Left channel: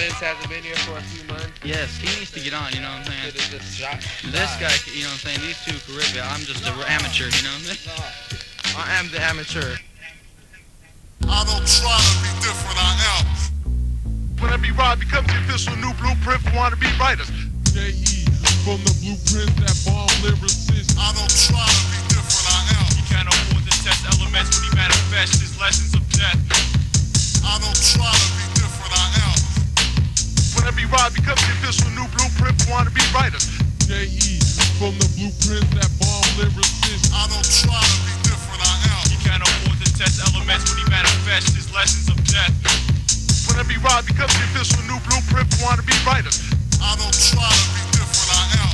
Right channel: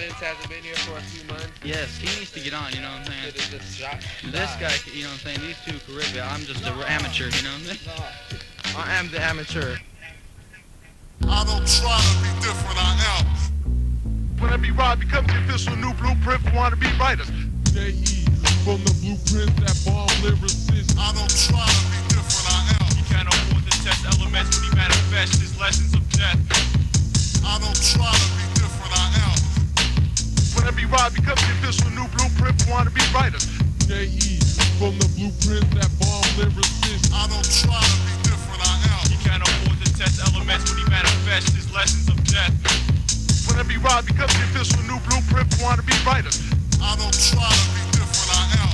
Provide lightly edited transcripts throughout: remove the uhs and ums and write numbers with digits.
Vince hasn't been here for a few months. Yes, he needs to get on, you know what I'm saying? This guy, you know what I'm saying? These two Caribbean, I'm just an amateur, you know what I'm saying? No, I am the amateur. I don't try to be different, I am. When every ride becomes the official new blueprint for wannabe writers. J.E. from the blueprint that bomb lyricists. I don't try to be different, I am. He can't afford to test elements when he manifests his lessons of death. I don't try to be different, I am. When every ride becomes the official new blueprint for wannabe writers. J.E. from the blueprint that bomb lyricists. I don't try to be different, I am. He can't afford to test elements when he manifests his lessons of death. When every ride becomes the official new blueprint for wannabe writers. I don't try to be different, I am.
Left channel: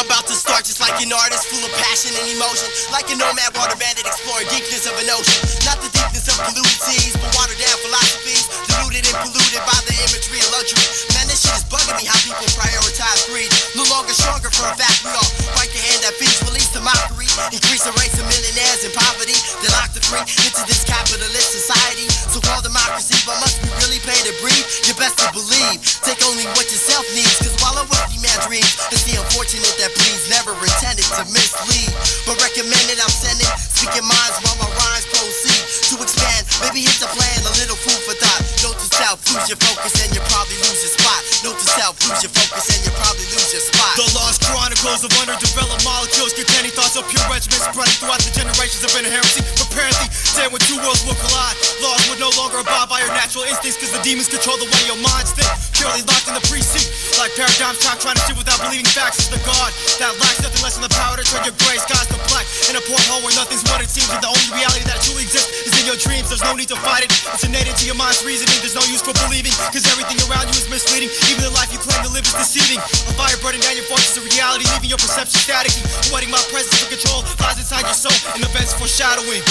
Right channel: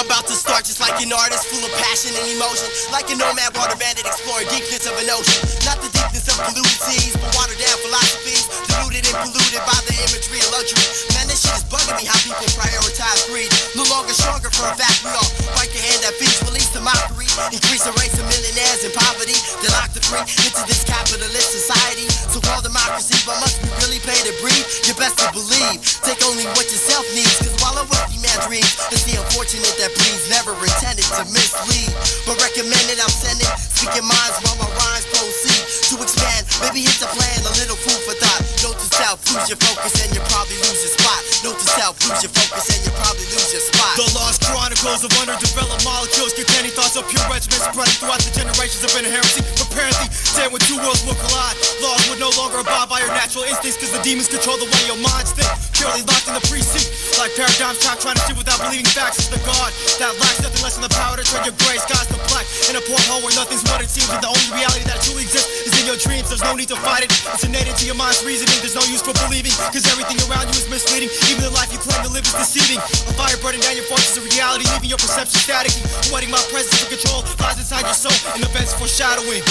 I'm about to start just like an artist, full of passion and emotion, like a nomad water bandit exploring deepness of an ocean. Not the deepness of polluted seas, but watered down philosophies, diluted and polluted by the imagery of luxury. Man, this shit is bugging me how people prioritize greed. No longer stronger for a fact we all fight the hand that feeds, release the mockery, increase the rates of millionaires in poverty, then lock the three into this capitalist society. So-called democracy, but must we really pay to breathe? You best to believe, take only what yourself needs, cause while a wealthy man dreams, it's the unfortunate that please never intended to mislead, but recommended I'm sending, speaking minds while my rhymes proceed to expand, maybe hit the plan, a little food for thought. Note to self, lose your focus and you probably lose your spot. Note to self, lose your focus and you probably lose your spot. The lost chronicles of underdeveloped molecules containing thoughts of pure regiments spreading throughout the generations of inherency. Preparing saying when two worlds will collide, laws would no longer abide by your natural instincts, cause the demons control the way your minds think. Purely locked in the precinct, like paradigms time trying to see without believing facts is the god that lacks nothing less than the power to turn your gray skies to black. In a porthole where nothing's what it seems, and the only reality that truly exists is in your dreams. There's no need to fight it, it's innate into your mind's reasoning. There's no use for believing, cause everything around you is misleading. Even the life you claim to live is deceiving. A fire burning down your forces of reality, leaving your perception static. Avoiding my presence of control lies inside your soul, and events foreshadowing.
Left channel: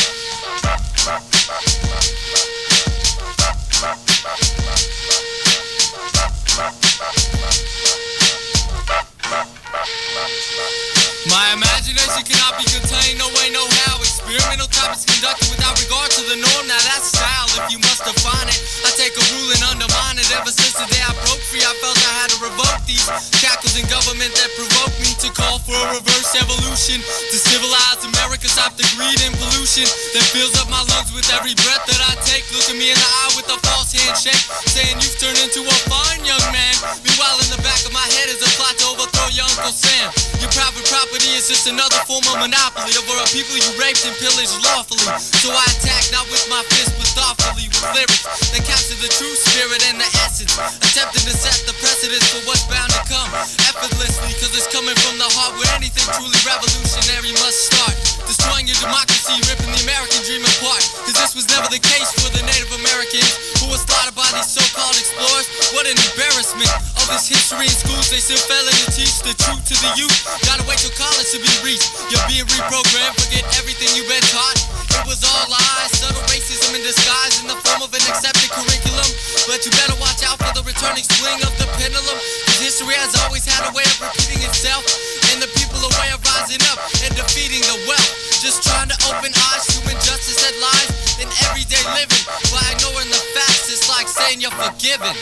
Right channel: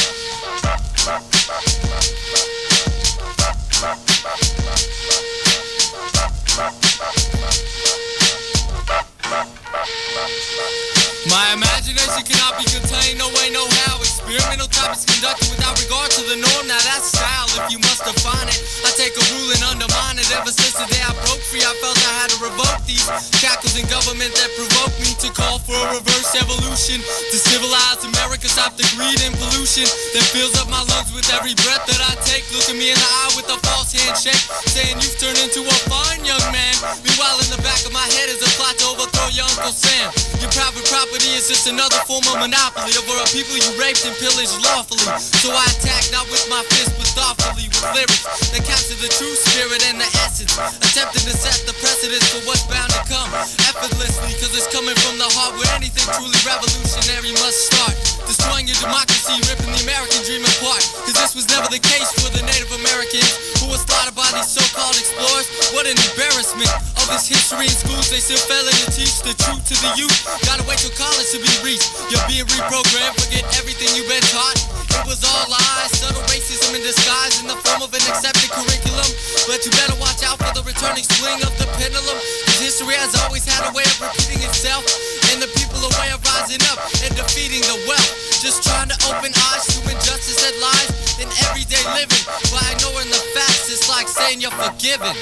My imagination cannot be contained, no way, no how. Experimental topics conducted without regard to the norm. Now that's style, if you must define it. I take a rule and undermine it. Ever since the day I broke free, I felt I had to revoke these shackles in government that provoked me to call for a reverse evolution. To civilize America, stop the greed and pollution that fills up my lungs with every breath that I take. Looking me in the eye with a false handshake, saying you've turned into a fine young man. Meanwhile, in the back of my head is a plot to overthrow your Uncle Sam. Your private property is just another form of monopoly over a people you raped and pillaged lawfully. So I attack not with my fist but thoughtfully with lyrics that capture the true spirit and the essence, attempting to set the precedence for what's bound to come effortlessly, cause it's coming from the heart where anything truly revolutionary must start. Destroying your democracy, ripping the American dream apart, cause this was never the case for the Native Americans who were slaughtered by these so-called explorers. What an embarrassment. All this history in schools, they still failing to teach the truth to the youth. Gotta wait till college to be reached. You're being reprogrammed, forget everything you've been taught. It was all lies, subtle racism in disguise in the form of an accepted curriculum. But you better watch out for the returning swing of the pendulum, cause history has always had a way of repeating itself, and the people a way of rising up and defeating the wealth. Just trying to open eyes to injustice that lies in everyday living. By ignoring the facts, it's like saying you're forgiven.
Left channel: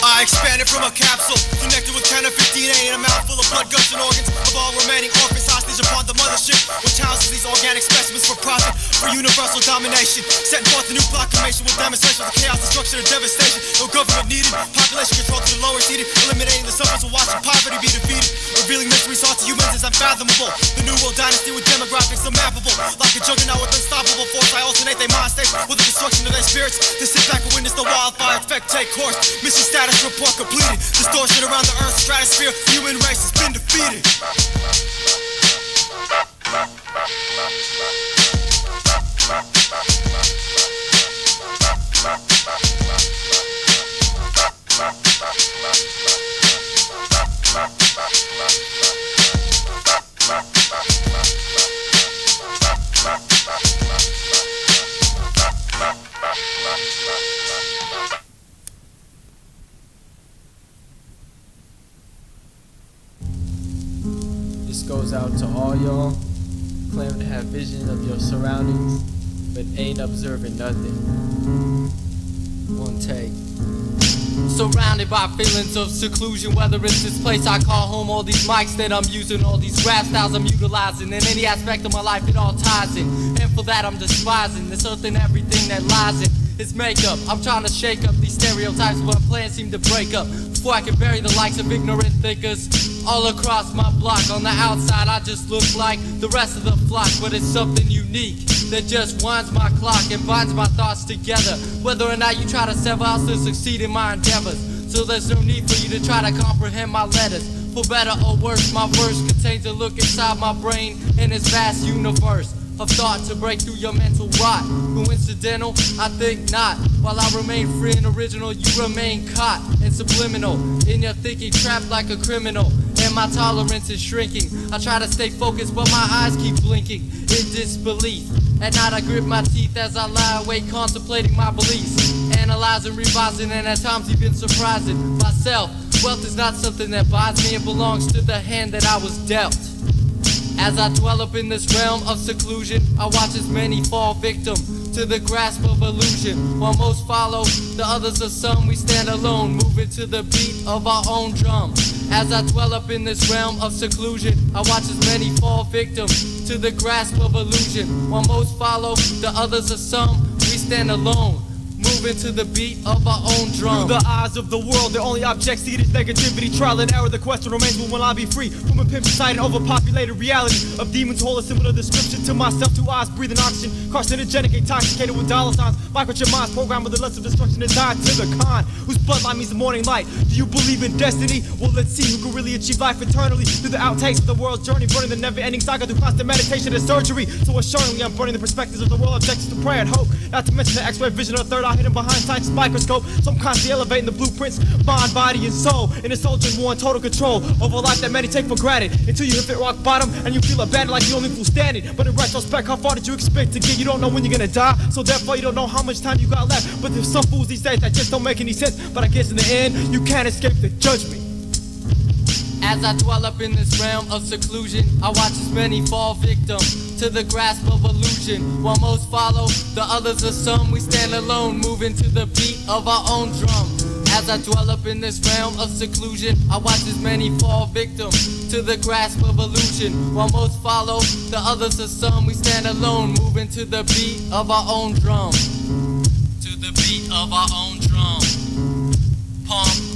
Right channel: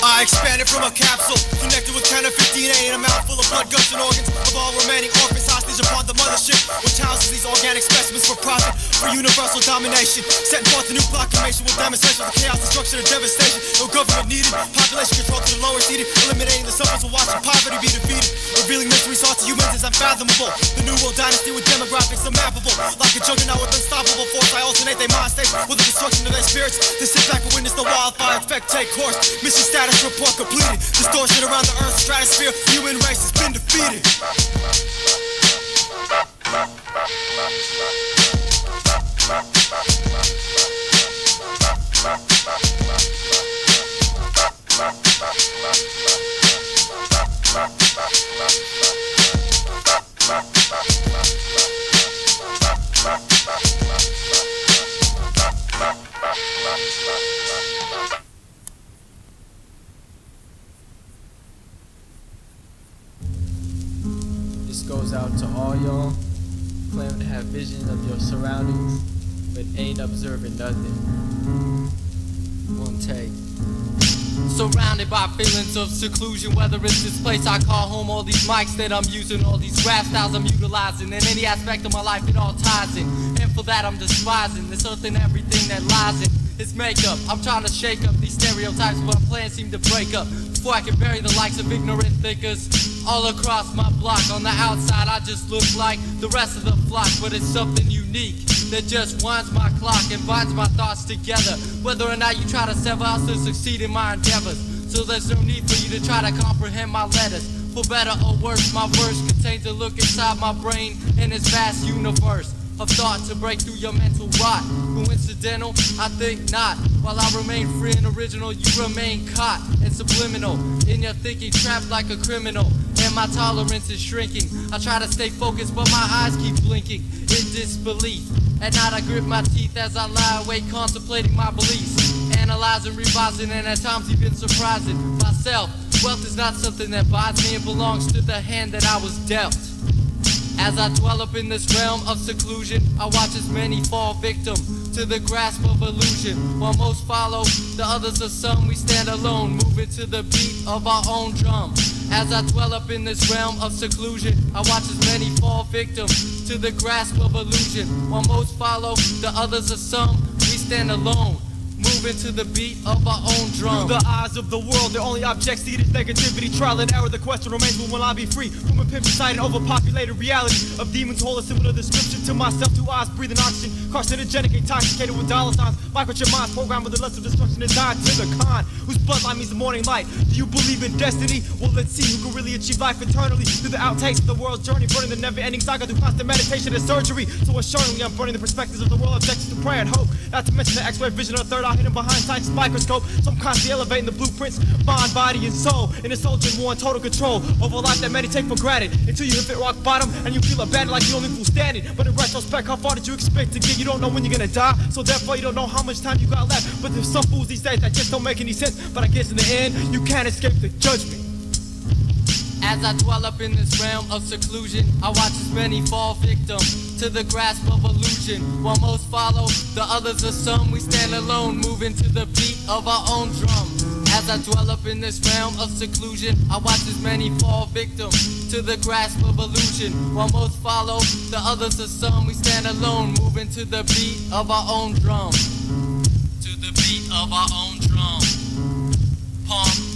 I expanded from a capsule, connected with counterfeit DNA in a mouthful of blood, guts, and organs of all remaining orphans, hostage charge upon the mothership, which houses these organic specimens for profit, for universal domination. Setting forth a new proclamation with demonstrations of chaos, destruction, and devastation. No government needed, population control to the lower seated, eliminating the suffering while watching poverty be defeated. Revealing mysteries sought to humans is unfathomable. The new world dynasty with demographics unmappable. Like a juggernaut with unstoppable force, I alternate their mind states with the destruction of their spirits. To sit back and witness the wildfire effect take course. Mission status report completed. Distortion around the Earth's stratosphere. Human race has been defeated. This goes out to all y'all claiming to have vision of your surroundings, but ain't observing nothing. One take. Surrounded by feelings of seclusion, whether it's this place I call home, all these mics that I'm using, all these rap styles I'm utilizing, in any aspect of my life it all ties in. And for that I'm despising this earth and everything that lies in its makeup. I'm trying to shake up these stereotypes, but my plans seem to break up before I can bury the likes of ignorant thinkers all across my block. On the outside I just look like the rest of the flock, but it's something unique that just winds my clock and binds my thoughts together. Whether or not you try to sever, I'll still succeed in my endeavors. So there's no need for you to try to comprehend my letters. For better or worse, my verse contains a look inside my brain in this vast universe of thought to break through your mental rot. Coincidental? I think not. While I remain free and original, you remain caught and subliminal in your thinking, trapped like a criminal. And my tolerance is shrinking. I try to stay focused, but my eyes keep blinking in disbelief. At night I grip my teeth as I lie awake contemplating my beliefs, analyzing, revising, and at times even surprising myself. Wealth is not something that buys me, it belongs to the hand that I was dealt. As I dwell up in this realm of seclusion, I watch as many fall victim to the grasp of illusion. While most follow, the others are some, we stand alone, moving to the beat of our own drum. As I dwell up in this realm of seclusion, I watch as many fall victim to the grasp of illusion. While most follow, the others are some, we stand alone, moving to the beat of our own drum. Through the eyes of the world, the only object seed is negativity. Trial and error, the question remains, when will I be free from a pimp society and overpopulated reality of demons? Hold a similar description to myself. Two eyes breathing oxygen, carcinogenic, intoxicated with dollar signs. Microchip minds programmed with the lust of destruction designed to the con, whose bloodline means the morning light. Do you believe in destiny? Well, let's see who can really achieve life eternally through the outtakes of the world's journey, burning the never-ending saga through constant meditation and surgery. So assuredly, I'm burning the perspectives of the world, objectives to prayer and hope. Not to mention the X-ray vision of the third eye hidden behind science's microscope. So I'm constantly elevating the blueprints, mind, body, and soul, in a soldier war in total control over a life that many take for granted, until you hit rock bottom and you feel abandoned like the only fool standing. But in retrospect, how far did you expect to get? You don't know when you're gonna die, so therefore you don't know how much time you got left. But there's some fools these days that just don't make any sense. But I guess in the end, you can't escape the judgment. As I dwell up in this realm of seclusion, I watch as many fall victim to the grasp of illusion. While most follow, the others are some, we stand alone, moving to the beat of our own drum. As I dwell up in this realm of seclusion, I watch as many fall victim to the grasp of illusion. While most follow, the others are some, we stand alone, moving to the beat of our own drum. To the beat of our own drum. Pump.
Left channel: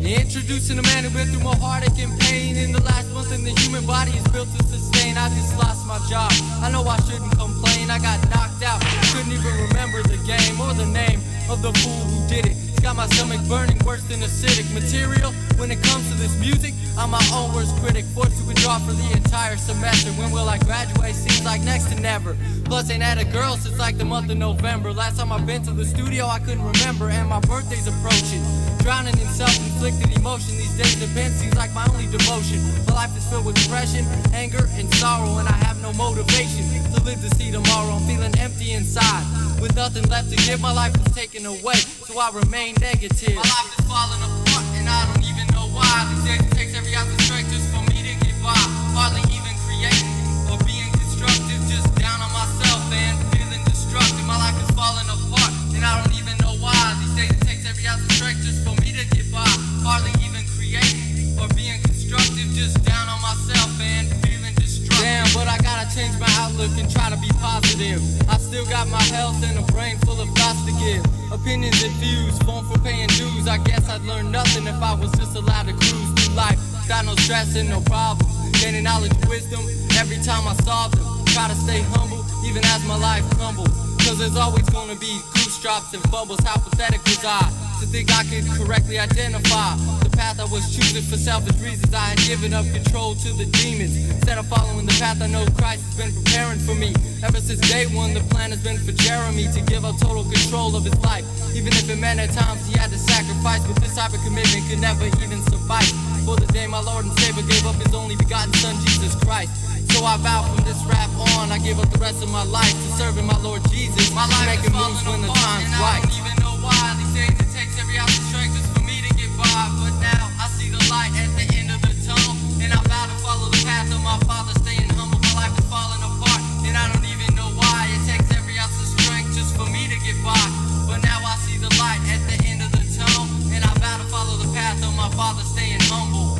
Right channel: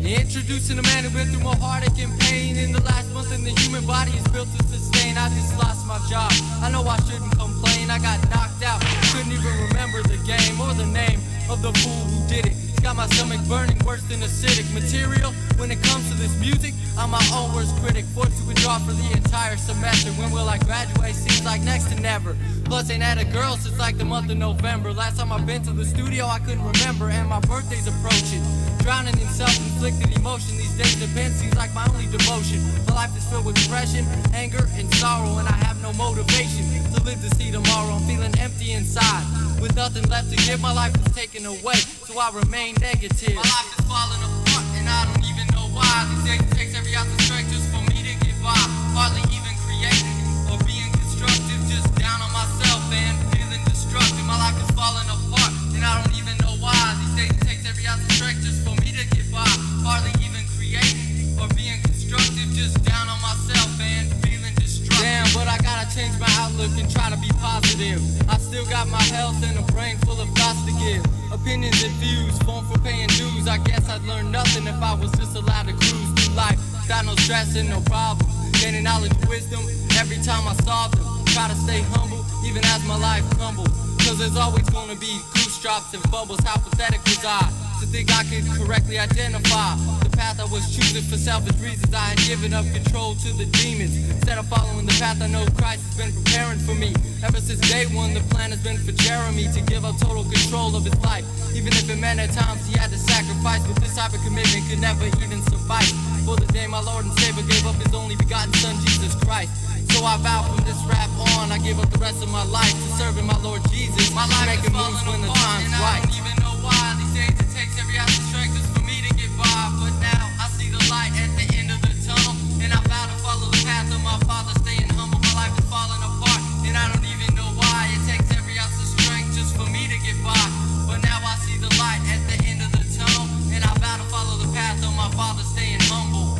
Introducing a man who been through more heartache and pain in the last month than the human body is built to sustain. I just lost my job, I know I shouldn't complain. I got knocked out, couldn't even remember the game or the name of the fool who did it. got my stomach burning worse than acidic material. When it comes to this music, I'm my own worst critic. Forced to withdraw for the entire semester. When will I graduate? Seems like next to never. Plus ain't had a girl since like the month of November. Last time I've been to the studio I couldn't remember. And my birthday's approaching. Drowning in self-inflicted emotion. These days the pen seems like my only devotion. My life is filled with depression, anger, and sorrow. And I have no motivation to live to see tomorrow. I'm feeling empty inside. With nothing left to give, my life is taken away, so I remain negative. My life is falling apart, and I don't even know why. These days it takes every ounce of strength just for me to get by. Hardly even creating or being constructive, just down on myself and feeling destructive. My life is falling apart, and I don't even know why. These days it takes every ounce of strength just for me to get by. Hardly even creating or being constructive, just down on myself and feeling destructive. Damn, but I gotta change my outlook and try to be positive. I've still got my health and a brain full of thoughts to give. Opinions and views, phone for paying dues. I guess I'd learn nothing if I was just allowed to cruise through life. Got no stress and no problem. Gaining knowledge and wisdom every time I saw them. Try to stay humble even as my life crumbles. Cause there's always gonna be goose drops and fumbles. How pathetic was I to think I could correctly identify the path I was choosing for selfish reasons. I had given up control to the demons instead of following the path I know Christ has been preparing for me. Ever since day one, the plan has been for Jeremy to give up total control of his life, even if it meant at times he had to sacrifice. But this type of commitment could never even suffice for the day my Lord and Savior gave up his only begotten Son, Jesus Christ. So I vow from this rap on, I give up the rest of my life to serving my Lord Jesus. My life making moves when the time's right. I don't even know why these days it takes every ounce of strength just for me to get by. But now I see the light at the end of the tunnel, and I vow to follow the path of my Father, staying humble. My life is falling apart, and I don't even know why. It takes every ounce of strength just for me to get by. But now I see the light at the end of the tunnel, and I vow to follow the path of my Father, staying humble.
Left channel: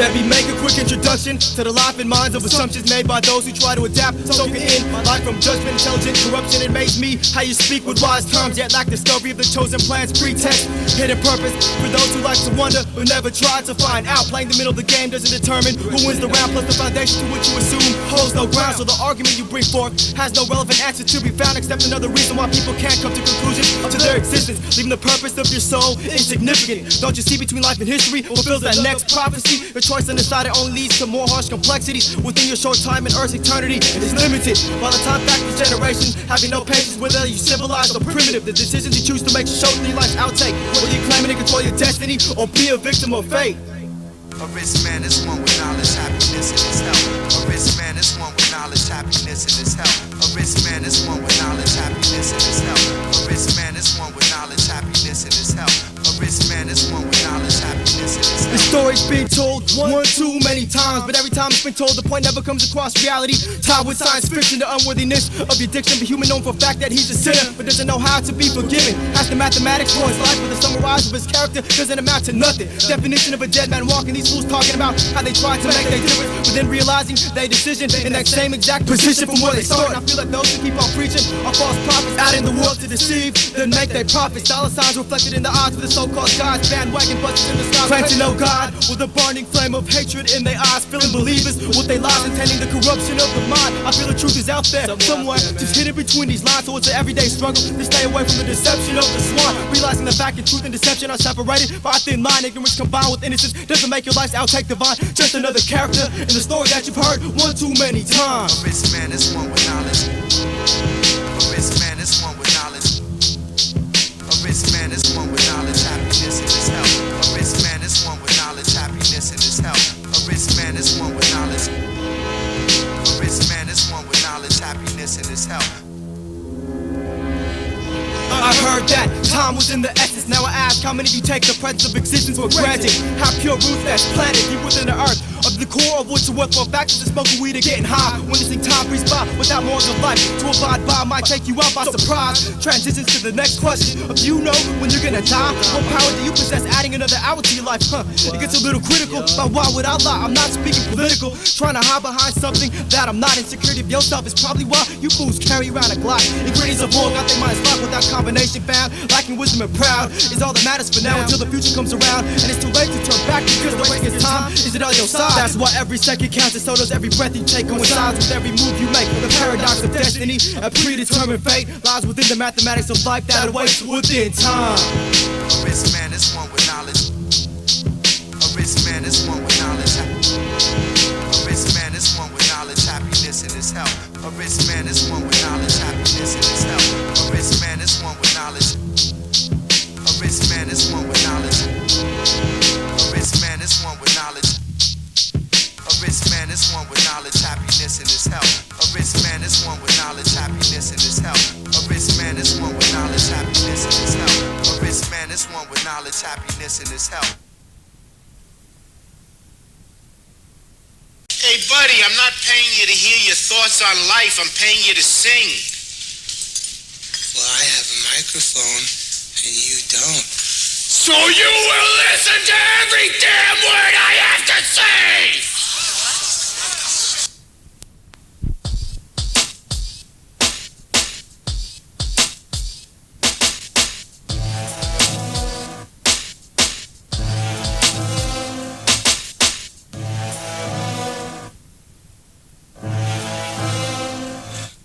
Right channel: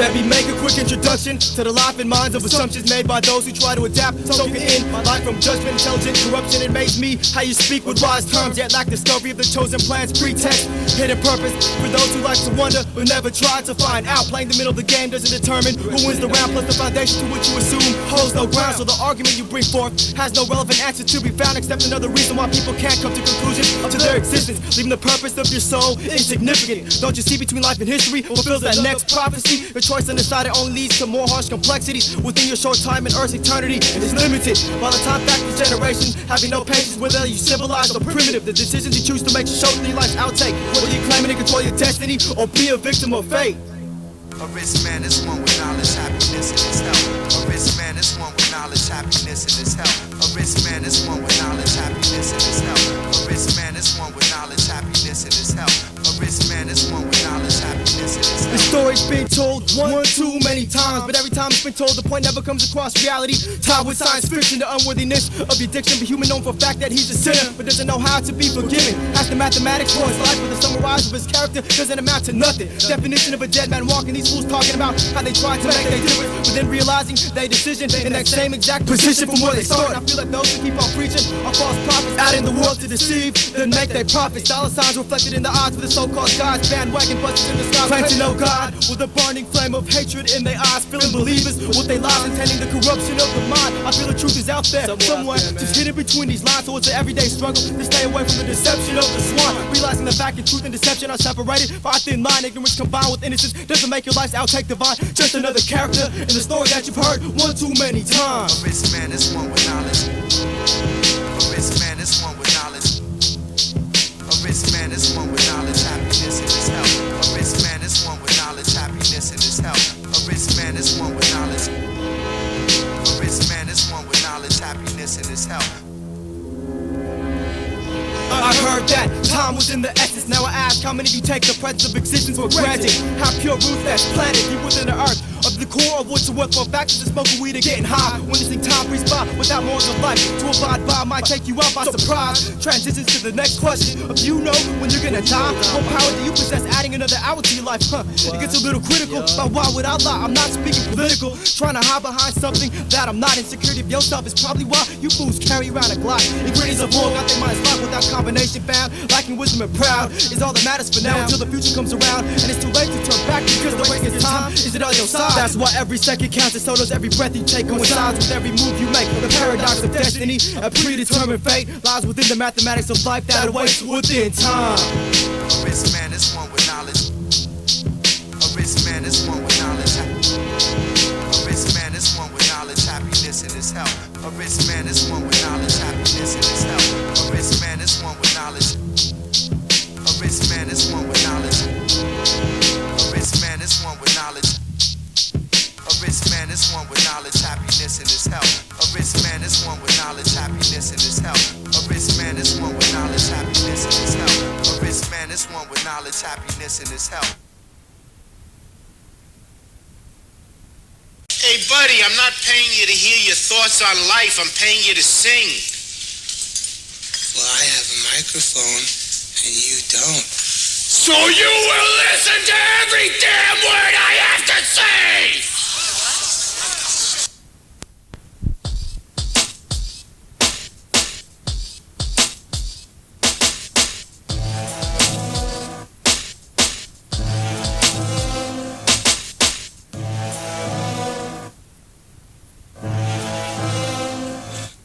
Let me make a quick introduction to the life and minds of assumptions made by those who try to adapt, soaking in my life from judgment, intelligent corruption. It makes me how you speak with wise terms, yet lack discovery of the chosen plan's pretext. Hidden purpose for those who like to wonder but never try to find out. Playing the middle of the game doesn't determine who wins the round, plus the foundation to which you assume holds no ground. So the argument you bring forth has no relevant answer to be found, except another reason why people can't come to conclusions to their existence, leaving the purpose of your soul insignificant. Don't you see between life and history fulfills that next prophecy? Your choice undecided only leads to more harsh complexities within your short time in Earth's eternity. Is limited by the time factors generation, having no patience whether you civilized or primitive. The decisions you choose to make show through your life's outtake, whether you're claiming to control your destiny or be a victim of fate. A rich man is one with knowledge, happiness, and his health. A rich man is one with knowledge, happiness, and his health. A rich man is one with knowledge, happiness, and his health. A rich man is one with knowledge, happiness, and his health. A rich man is one with knowledge, happiness, and his health. The story's been told one too many times, but every time it's been told, the point never comes across reality. Tied with science fiction, the unworthiness of your diction. The human known for a fact that he's a sinner, but doesn't know how to be forgiven. Has the mathematics for his life, but the summarize of his character doesn't amount to nothing. Definition of a dead man walking, these fools talking about how they try to make their difference, but then realizing their decision in that same exact position from where they started. I feel like those who keep on preaching are false prophets out in the world to deceive, then make their profits. Dollar signs reflected in the odds with the so-called gods. Bandwagon busters in the sky claim to know God with a burning flame of hatred in their eyes, filling believers with their lies, intending the corruption of the mind. I feel the truth is out there somewhere, just hidden between these lines. So it's an everyday struggle to stay away from the deception of the swan. Realizing the fact and truth and deception are separated by a thin line. Ignorance combined with innocence doesn't make your life's outtake divine. Just another character in the story that you've heard one too many times. A rich man is one with knowledge. A rich man is one with knowledge. A rich man is one with knowledge, happiness, and his health. A rich man is one with knowledge, happiness, and his health. A rich man is one with knowledge. A rich man is one with knowledge, happiness, and his health. I heard that time was in the essence. Now I ask ask how many of you take the presence of existence for granted. How pure roots that's planted deep within the earth. Of the core of which are worth for factors is smoking weed and getting high. Witnessing time breeze by without morals of life. To abide by might take you out by surprise. Transitions to the next question of you know when you're gonna die. What power do you possess adding another hour to your life? It gets a little critical, but why would I lie? I'm not speaking political. Trying to hide behind something that I'm not. Insecurity of yourself is probably why you fools carry around a Glock. Ingredients of war got their minds locked without combination found. Lacking wisdom and proud is all that matters for now until the future comes around. And it's too late to turn back because the waiting is time. Is it on your side? That's why every second counts and so does every breath you take. Coincides with every move you make. The paradox of destiny, a predetermined fate lies within the mathematics of life that awaits within time. A rich man is one with knowledge. A rich man is one with knowledge. A rich man is one with knowledge, happiness in his health. A rich man is one with knowledge, happiness in his health. A rich man is one with knowledge. A rich man is one with knowledge. A rich man is one with knowledge. A rich man is one with knowledge, happiness in his health. A rich man is one with knowledge, happiness in his health. A rich man is one with knowledge, happiness in his health. A rich man is one with knowledge, happiness in his health. Hey, buddy, I'm not paying you to hear your thoughts on life. I'm paying you to sing. Well, I have a microphone, and you don't. So you will listen to every damn word I have to say!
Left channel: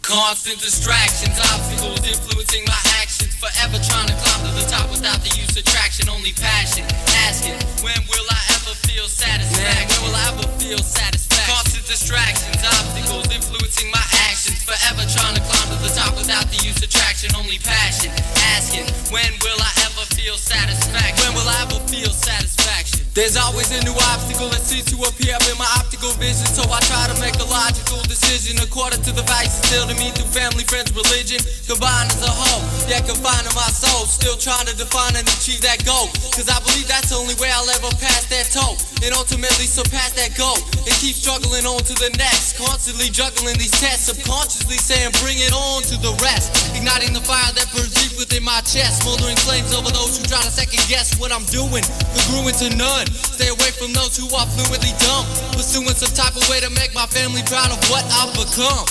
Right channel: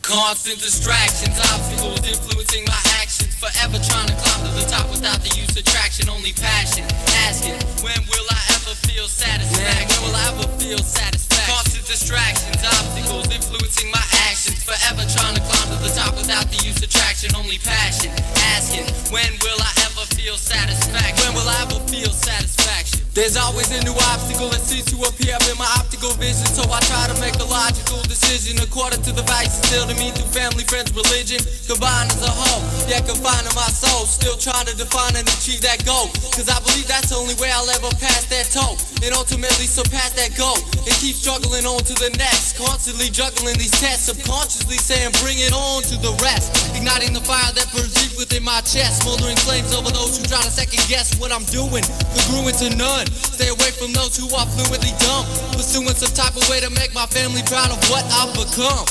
Constant distractions, obstacles influencing my actions. Forever trying to climb to the top without the use of traction. Only passion, asking, when will I ever feel satisfaction? When will I ever feel satisfaction? Constant distractions, obstacles influencing my actions. Forever trying to climb to the top without the use of traction. Only passion, asking, when will I ever feel satisfaction? When will I ever feel satisfaction? There's always a new obstacle that seems to appear up in my optical vision. So I try to make a logical decision according to the vices instilled in me through family, friends, religion. Combined as a whole, yet confined to my soul. Still trying to define and achieve that goal. Cause I believe that's the only way I'll ever pass that toe. And ultimately surpass that goal. And keep struggling on to the next. Constantly juggling these tests. Subconsciously saying bring it on to the rest. Igniting the fire that burns deep within my chest. Smoldering flames over those who try to second guess what I'm doing. Congruent to none. Stay away from those who are fluently dumb. Pursuing some type of way to make my family proud of what I've become.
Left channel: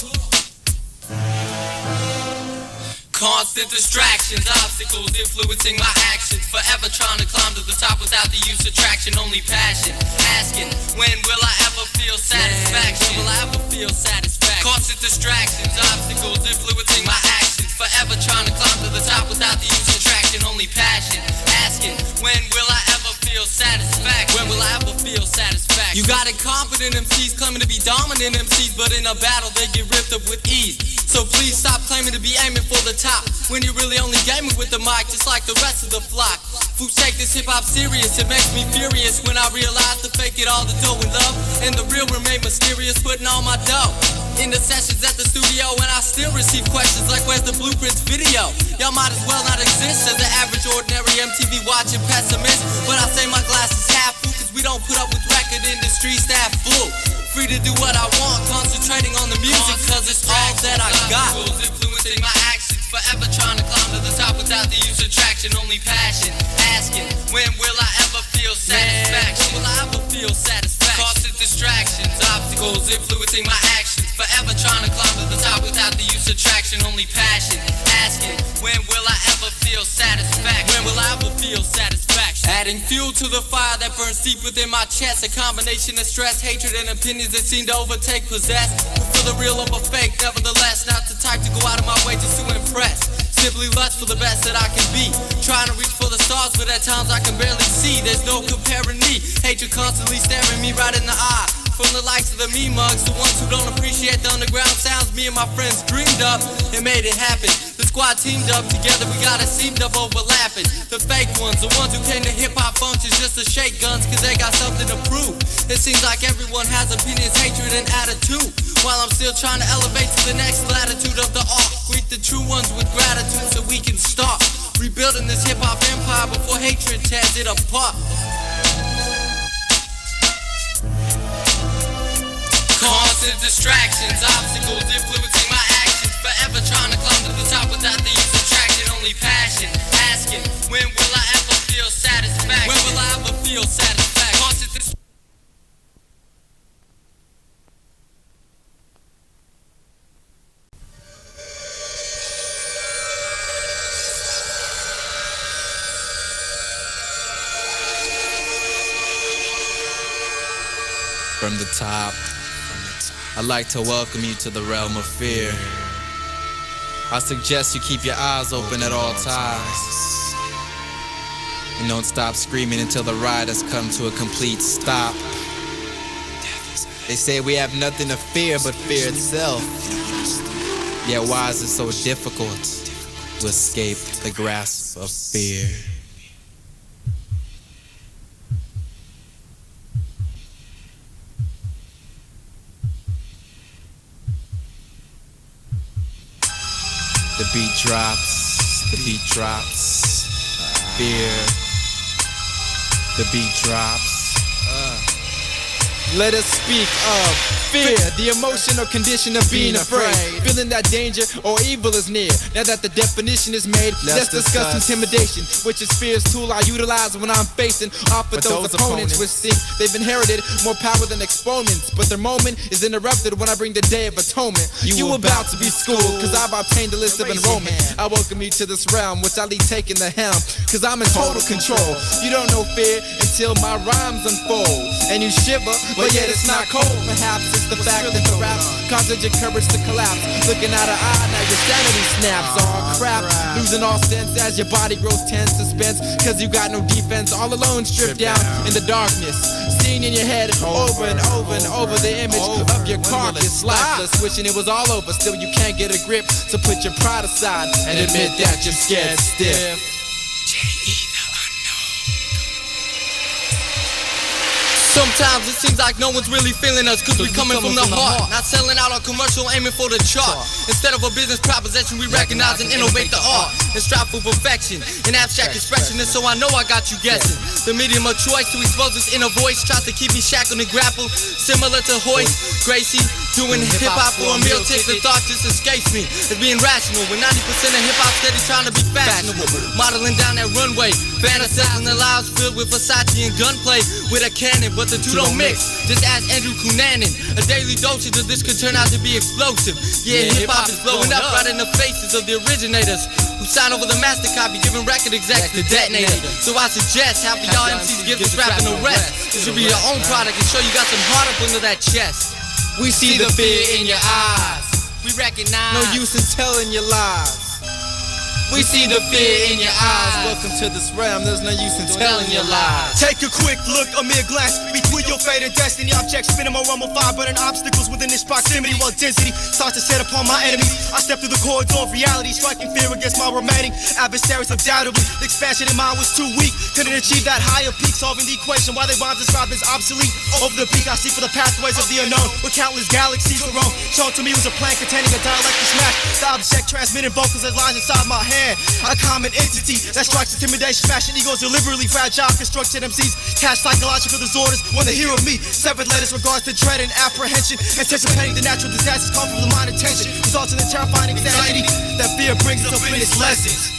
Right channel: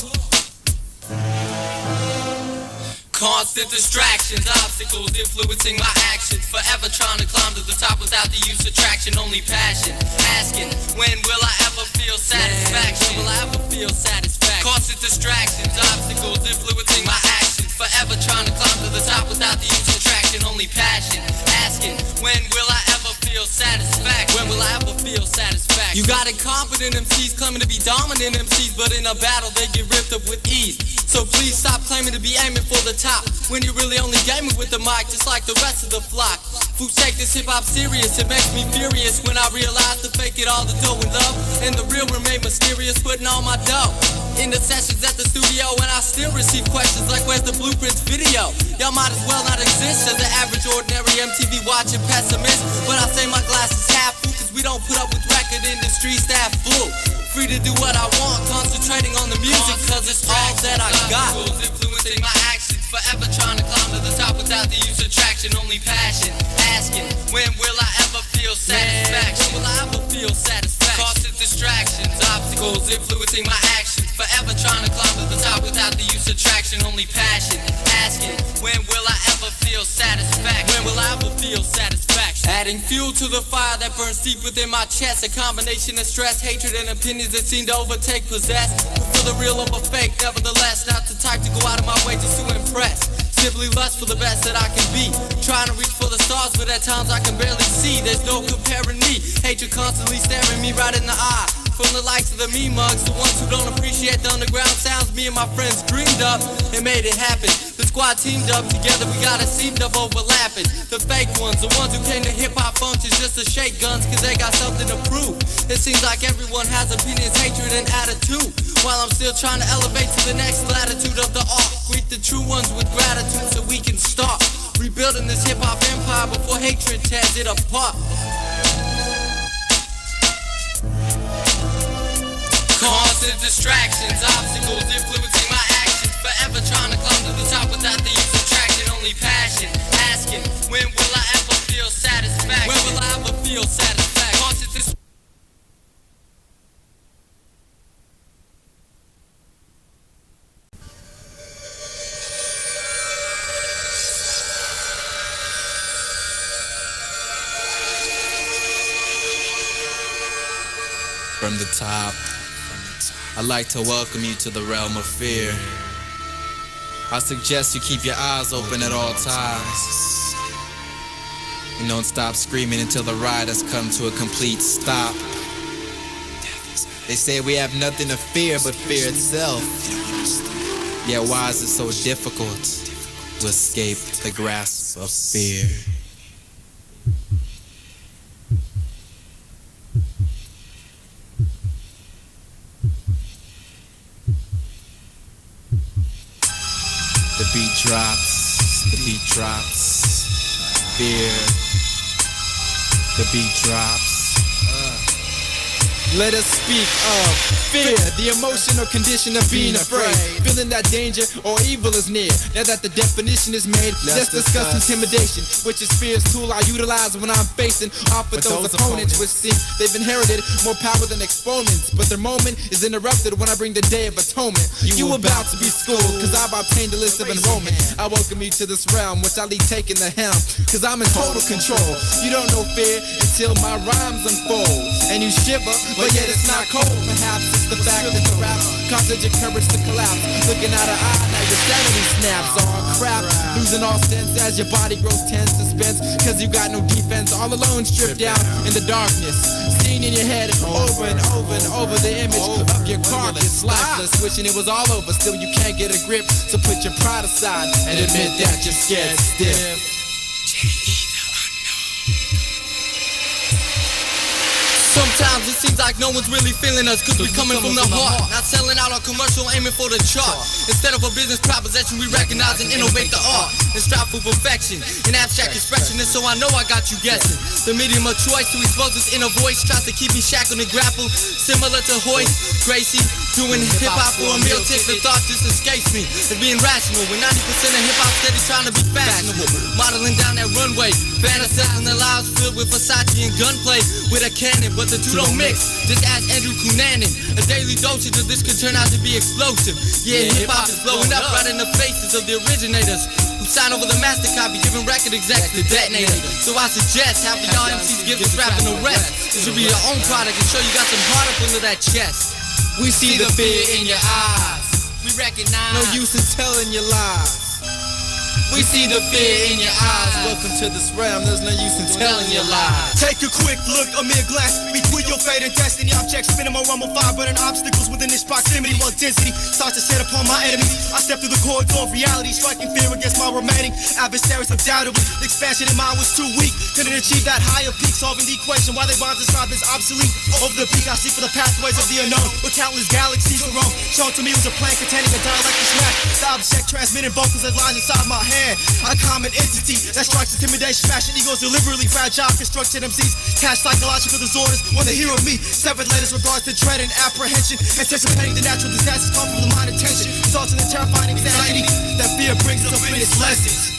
Constant distractions, obstacles influencing my actions. Forever trying to climb to the top without the use of traction. Only passion, asking, when will I ever feel satisfaction? When will I ever feel satisfaction? Constant distractions, obstacles influencing my actions. Forever trying to climb to the top without the use of traction. Only passion, asking, when will I ever feel satisfaction? When will I ever feel satisfaction? You got incompetent MCs claiming to be dominant MCs, but in a battle they get ripped up with ease. So please stop claiming to be aiming for the top when you're really only gaming with the mic, just like the rest of the flock. Fools take this hip-hop serious, it makes me furious when I realize to fake it all the dough and love, and the real remain mysterious, putting all my dough in the sessions at the studio, and I still receive questions like, where's the Blueprints video? Y'all might as well not exist as an average, ordinary MTV watching pessimist, but I say my glass is half full, cause we don't put up with record industry staff blue. Free to do what I want, concentrating on the music, cause it's all that I got. Influencing my actions, forever trying to climb to the top without the use of traction. Only passion, asking, when will I ever feel satisfaction? When will I ever feel satisfaction? Constant distractions, obstacles influencing my actions. Forever trying to climb to the top without the use of traction. Only passion, asking, when will I ever feel satisfaction? When will I ever feel satisfaction? Adding fuel to the fire that burns deep within my chest. A combination of stress, hatred, and opinions that seem to overtake, possess. For the real of a fake, nevertheless, not the type to go out of my way just to impress. Simply lust for the best that I can be. Trying to reach for the stars, but at times I can barely see. There's no comparing me. Hatred constantly staring me right in the eye. From the likes of the me mugs, the ones who don't appreciate the underground sounds me and my friends dreamed up and made it happen. The squad teamed up together, we got it seamed up overlapping. The fake ones, the ones who came to hip-hop functions just to shake guns cause they got something to prove. It seems like everyone has opinions, hatred, and attitude, while I'm still trying to elevate to the next latitude of the art. Greet the true ones with gratitude so we can start rebuilding this hip-hop empire. empire before hatred tears it apart. Constant distractions, obstacles influencing my actions. Forever trying to climb to the top without the use of traction. Only passion, asking, when will I ever feel satisfaction? When will I ever feel satisfaction? Constant distractions. From the top, I'd like to welcome you to the realm of fear. I suggest you keep your eyes open at all times. And don't stop screaming until the ride has come to a complete stop. They say we have nothing to fear but fear itself. Yet why is it so difficult to escape the grasp of fear? The beat drops, the beat drops, fear. The beat drops. Let us speak of fear, the emotional condition of being afraid, feeling that danger or evil is near. Now that the definition is made, let's discuss intimidation, which is fear's tool I utilize when I'm facing off with those opponents, which seems they've inherited more power than exponents. But their moment is interrupted when I bring the day of atonement. You about to be schooled, cause I've obtained the list of enrollment. I welcome you to this realm, which I lead taking the helm, cause I'm in total control. You don't know fear until my rhymes unfold, and you shiver, but yet it's not cold. Perhaps it's the fact that the rap causes your courage to collapse. Looking out of eye, now your sanity snaps. All crap, losing all sense as your body grows tense. Suspense, cause you got no defense. All alone, stripped down in the darkness. Seen in your head over and over and over the image of your carcass. Lifeless, wishing it was all over. Still you can't get a grip, so put your pride aside and admit that you're scared stiff. Sometimes it seems like no one's really feeling us, cause we coming from the heart, not selling out on commercial, aiming for the chart. Instead of a business proposition, we recognize and innovate the art and strive for perfection in abstract expression. And so I know I got you guessing. The medium of choice to expose this inner voice tries to keep me shackled and grappled, similar to Hoist Gracie doing hip-hop for a meal ticket. The thoughts just escapes me as being rational, when 90% of hip-hop steady trying to be fashionable, modeling down that runway, fantasizing the lives filled with Versace and gunplay with a cannon. But the two don't mix. Just ask Andrew Cunanan. A daily dosage of this could turn out to be explosive. Yeah, hip-hop is blowing up right in the faces of the originators who sign over the master copy, giving record execs the detonators. So I suggest half of y'all MCs give this rapping a rest. It should be your own product and show you got some heart up under that chest. We see the fear in your eyes. We recognize no use in telling your lies. We see the fear in your eyes. Welcome to this realm, there's no use in telling your lies. Take a quick look, a mere glance between your fate and destiny. Objects spinning my realm of fire, burning obstacles within this proximity. While density starts to set upon my enemies, I step through the corridor of reality, striking fear against my remaining adversaries. Undoubtedly, the expansion in mind was too weak, couldn't achieve that higher peak, solving the equation. Why they bonds described as obsolete. Over the peak, I seek for the pathways of the unknown, where countless galaxies were roam. Shown to me was a plan containing a dialectic smack. The object transmitting vocals as lines inside my hand. A common entity that strikes intimidation, fashion egos deliberately fragile, construction MCs cast psychological disorders when they hear of me. Severed letters regards to dread and apprehension, anticipating the natural disasters come from the mind and tension, resulting in terrifying anxiety that fear brings us up in its lessons.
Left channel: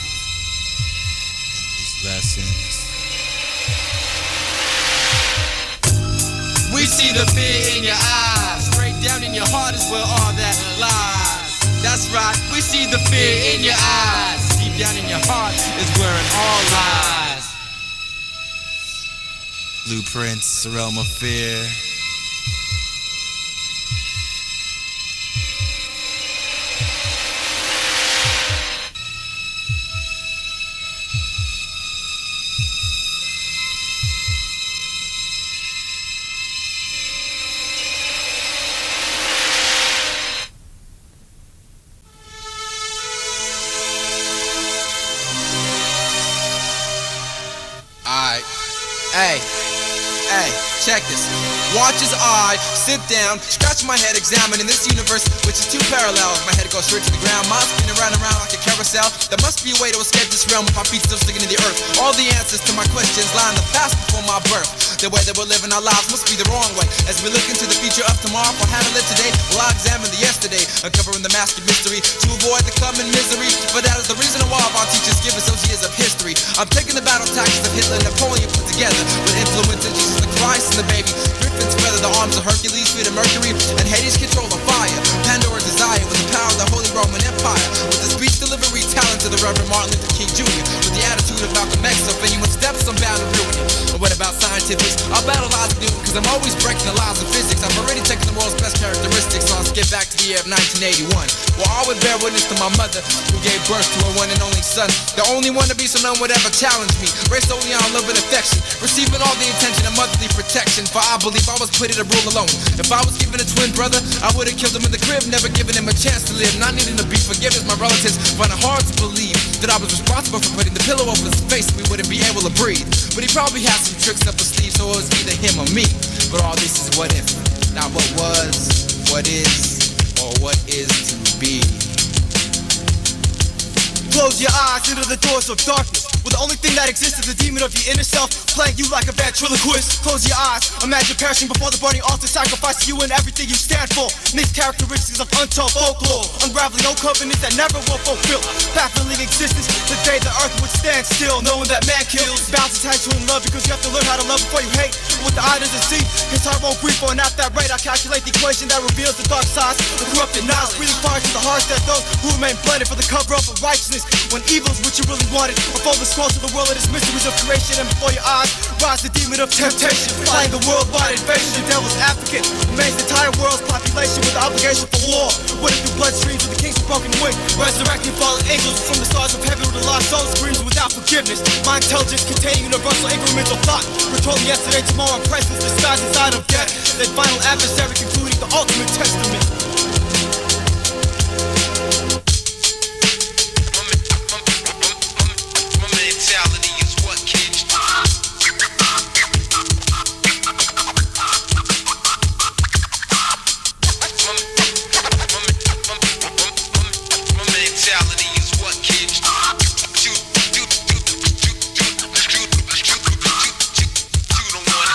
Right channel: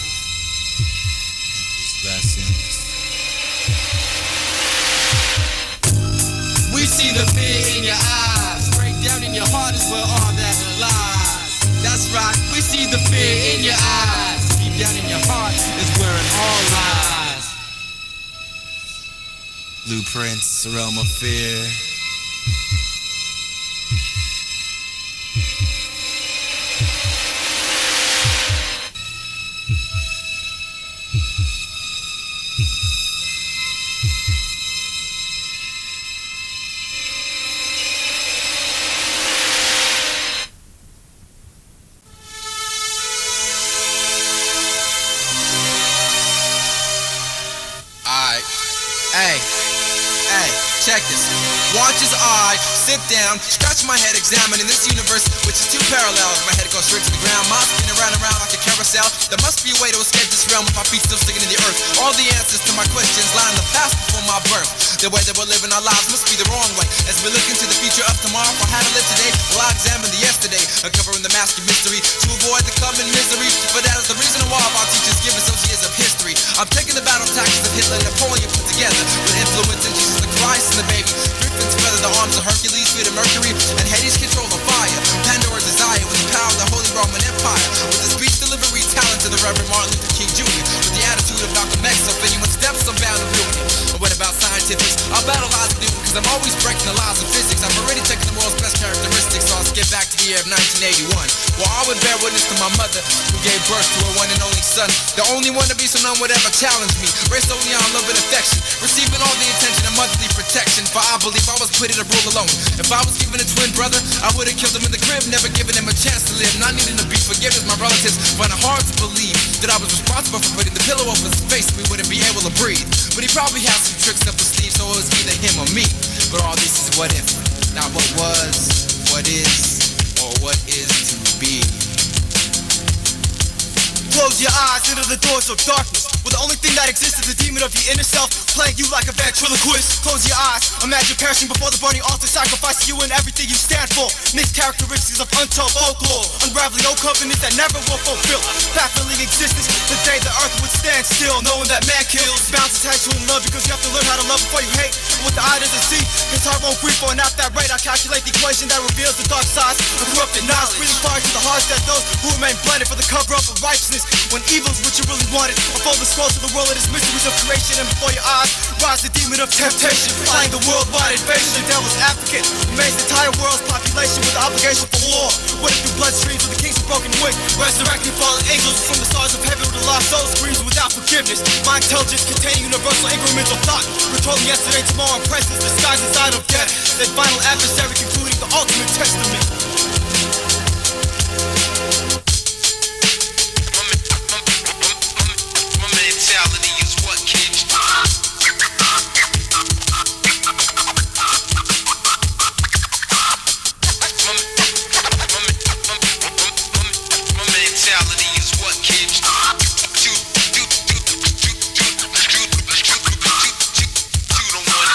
We see the fear in your eyes. Break down in your heart is where all that lies. That's right, we see the fear in your eyes. Deep down in your heart is where it all lies. Blueprints, the realm of fear. Alright. Hey. detectives. Watch as I sit down, scratch my head, examining this universe, which is too parallel. My head goes straight to the ground, mind spinning round and round like a carousel. There must be a way to escape this realm with my feet still sticking in the earth. All the answers to my questions lie in the past before my birth. The way that we're living our lives must be the wrong way. As we look into the future of tomorrow, for how to live today, well, I examine the yesterday, uncovering the master mystery to avoid the coming misery. But that is the reason why our teachers give us those years of history. I'm taking the battle tactics of Hitler and Napoleon put together with influence in Jesus the Christ and the baby. Griffins feather the arms of Hercules, feet of Mercury, and Hades control the fire. Pandora's desire with the power of the Holy Roman Empire. With the speech delivery talents of the Reverend Martin Luther King Jr. With the attitude of Malcolm X, so if anyone steps, I'm bound to ruin it. But what about scientific? I'll battle odds with Newton, cause I'm always breaking the laws of physics. I've already taken the world's best characteristics, so I'll skip back to the year of 1981. Well, I would bear witness to my mother, who gave birth to her one and only son. The only one to be so none would ever challenge me. Raised only on love and affection, receiving all the attention and motherly protection. For I believe I was put in a rule alone. If I was given a twin brother, I would have killed him in the crib, never given him a chance to live. Not needing to be forgiven, my relatives find it hard to believe that I was responsible for putting the pillow over his face so we wouldn't be able to breathe. But he probably had some tricks up his sleeve, so it was either him or me. But all this is what if, not what was, what is, or what is to be. Close your eyes into the doors of darkness, where the only thing that exists is the demon of your inner self, playing you like a ventriloquist. Close your eyes, imagine perishing before the burning altar, sacrificing you and everything you stand for. Mixed characteristics of untold folklore, unraveling old covenants that never will fulfill. Baffling existence, the day the earth would stand still, knowing that man kills. Bound to tag to in love because you have to learn how to love before you hate. And what the eye doesn't see, his heart won't grieve for, and at that rate I calculate the equation that reveals the dark sides of corrupted knowledge. Breathing fire to the hearts that those who remain blinded for the cover up of righteousness, when evil's what you really wanted. Unfold the scrolls of the world and its mysteries of creation, and before your eyes rise the demon of temptation, flying the worldwide invasion. The devil's advocate remains the entire world's population with the obligation for war. What if the bloodstreams of the kings of broken wing, resurrecting fallen angels from the stars of heaven with the lost souls screams without forgiveness? My intelligence containing universal incremental thought, controlling yesterday, tomorrow, and presence disguised inside of death. That final adversary concluding the ultimate testament.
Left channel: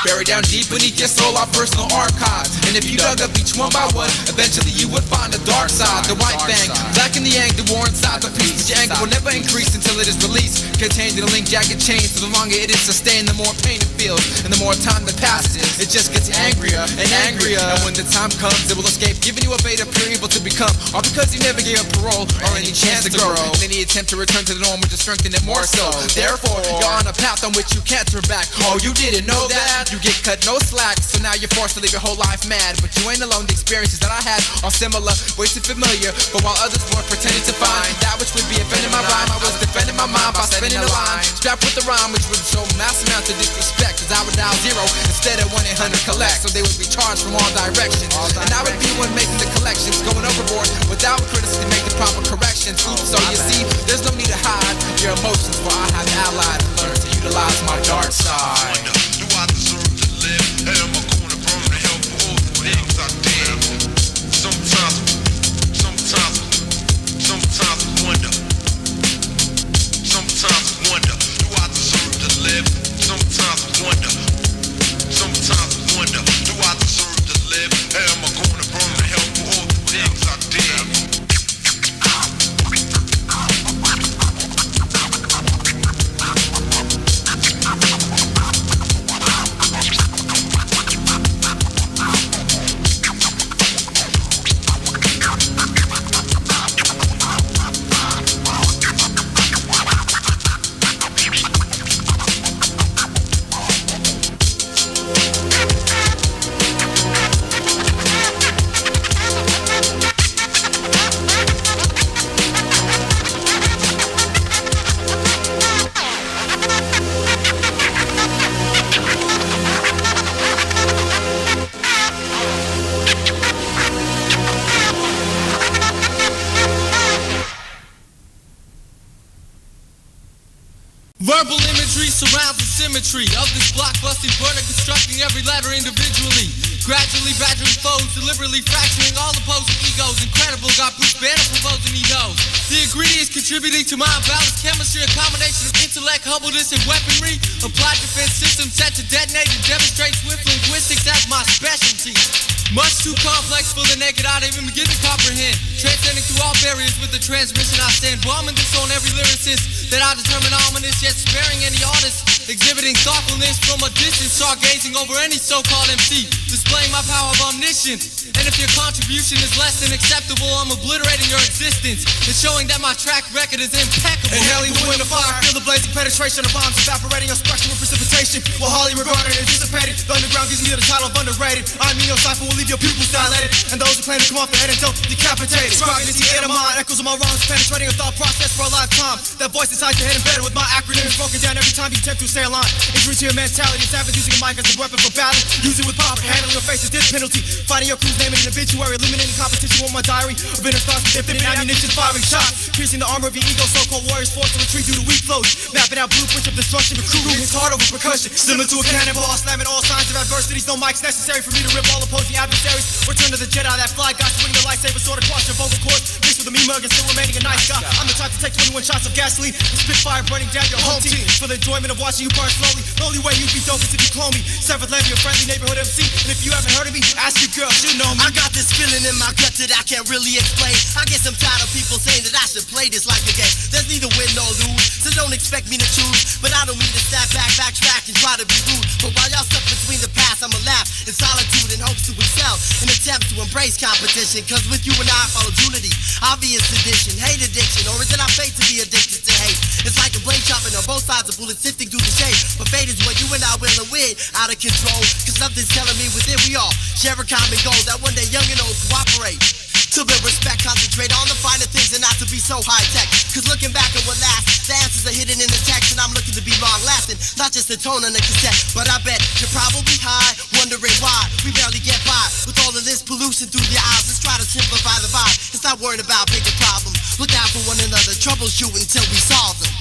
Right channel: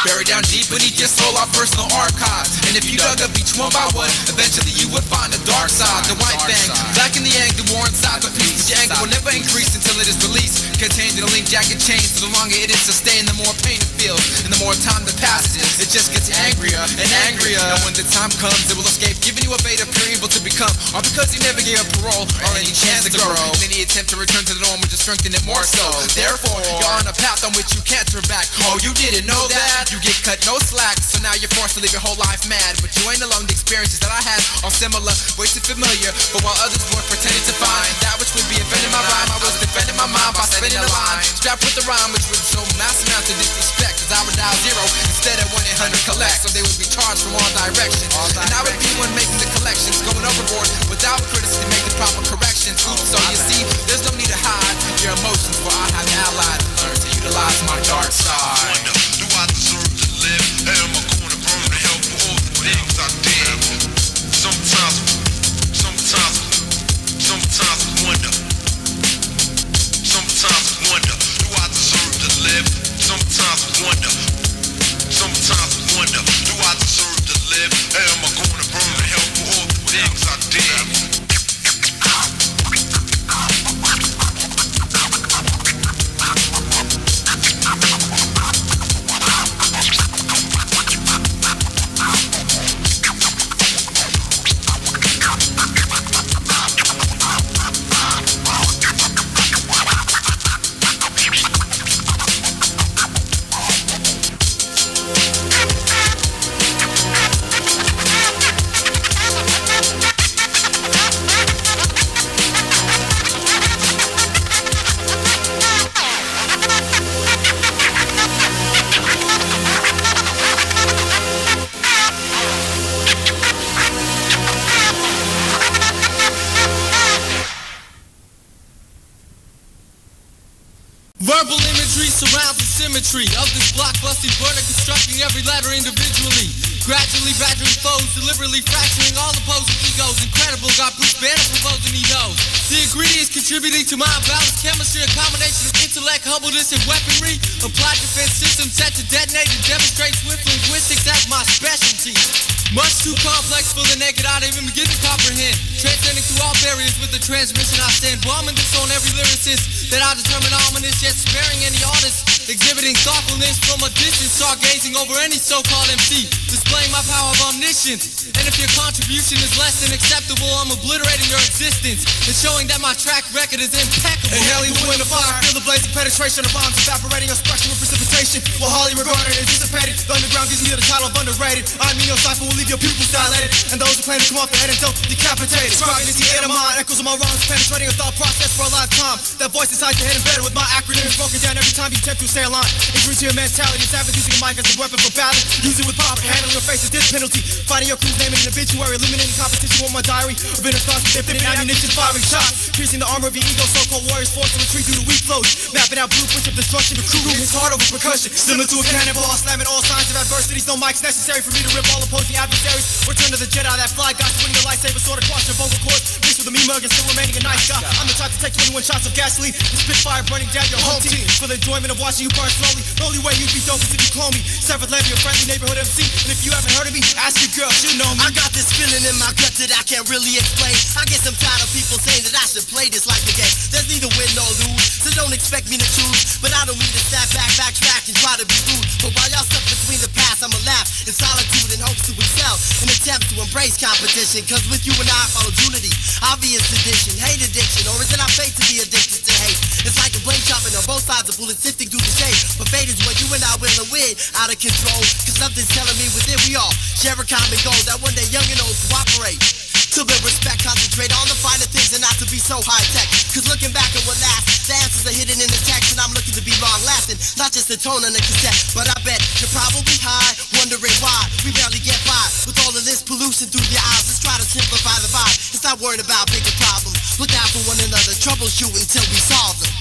Buried down deep beneath your soul, our personal archives. And if you dug up each one by one, eventually you would find the dark side. The white fang, black in the anger, war inside the peace. Your anger will never increase until it is released. Contained in a link jacket chain, so the longer it is sustained, the more pain it feels. And the more time that passes, it just gets angrier and angrier. And when the time comes, it will escape, giving you a beta period able to become. All because you never gave up parole or any chance to grow. And any attempt to return to the norm would just strengthen it more so. Therefore, you're on a path on which you can't turn back. Oh, you didn't know that? You get cut no slack, so now you're forced to live your whole life mad. But you ain't alone, the experiences that I had are similar, way too familiar. But while others were pretending to find that which would be offending my rhyme, I was defending my mind by spinning a line, strapped with the rhyme, which would show mass amounts of disrespect, cause I would dial 0 instead of 1-800 collect, so they would be charged from all directions. And I would be one making the collections, going overboard without criticism, making proper corrections. So you see, there's no need to hide your emotions, for I have allied and learned to utilize my dark side. Do I deserve to live? Am I gonna burn to hell for all the things I did? Sometimes I wonder. Sometimes I wonder. Do I deserve to live? Sometimes I wonder. Sometimes I wonder. Do I deserve to live? Am I gonna burn to hell for all the things I did? Imagery surrounds the symmetry of this blockbusting burner, constructing every letter individually. Gradually badgering foes, deliberately fracturing all opposing egos. Incredible, got Bruce Banner proposing he knows. The ingredients contributing to my imbalanced chemistry, a combination of intellect, humbleness, and weaponry. Applied defense systems set to detonate and demonstrate swift linguistics as my specialty. Much too complex for the naked eye to even begin to comprehend. Transcending through all barriers with the transmission I stand. Bombing this on every lyricist that I determine ominous, yet sparing any artist. Exhibiting thoughtfulness from a distance, stargazing over any so-called MC. Displaying my power of omniscience. And if your contribution is less than acceptable, I'm obliterating your existence. And showing that my track record is impeccable. Inhaling the wind of fire, feel the blazing penetration of bombs evaporating, expression with precipitation. While highly regarded and anticipated, the underground gives me the title of underrated. I mean, your cipher will leave your pupils dilated, and those who claim to come off the head and don't decapitated. Scribing into the inner mind, echoes of my wrongs, penetrating a thought process for a lifetime. That voice inside your head embedded with my acronyms broken down every time you attempt to stay aligned. Injury to your mentality, savage using a mic as a weapon for battle. Use it with power, handling your face is this penalty. Finding your crew's name in an obituary, eliminating competition with my diary. Of inner thoughts, infinite ammunition, firing shots. Piercing the armor of your ego, so-called warriors forced to retreat through the weak flows. Mapping out blueprints of destruction, the crew hits hard over percussion. Similar to a cannonball, slamming all signs of adversity. No mics necessary for me to rip all opposing adversaries. Return to the Jedi, that fly guy, swinging the lightsaber sword across your vocal cords. Mixed with a me mug and still remaining a nice guy. I'm the type to take 21 shots of gasoline and spit fire burning down your home team. For the enjoyment of watching you burn slowly. The only way you'd be dope is if you clone me. Severed levy, a friendly neighborhood MC. And if you haven't heard of me, ask your girl, she'll know me. I got this feeling in my gut that I can't really explain. I guess I'm tired of people saying that I should play this like a game. There's neither win nor lose, so don't expect me to choose. But I don't mean to snap back, backtrack, and try to be rude. But while y'all stuck between the paths, I'ma laugh in solitude and hopes to excel. An attempt to embrace competition, cause with you and I follows unity. Obvious addiction, hate addiction, or is it our fate to be addicted to hate? It's like a blade sharpening on both sides of bullets sifting through the shade. But fate is what you and I will, and we're out of control. Cause something's telling me within we all share a common goal that one day young and old cooperate. To build respect, concentrate on the finer things and not to be so high-tech. Cause looking back at what lasts, the answers are hidden in the text. And I'm looking to be long-lasting, not just a tone on a cassette. But I bet you're probably high, wondering why we barely get by with all of this pollution through the eyes. Let's try to simplify the vibe. It's not worrying about bigger problems. Look out for one another, troubleshoot until we solve them.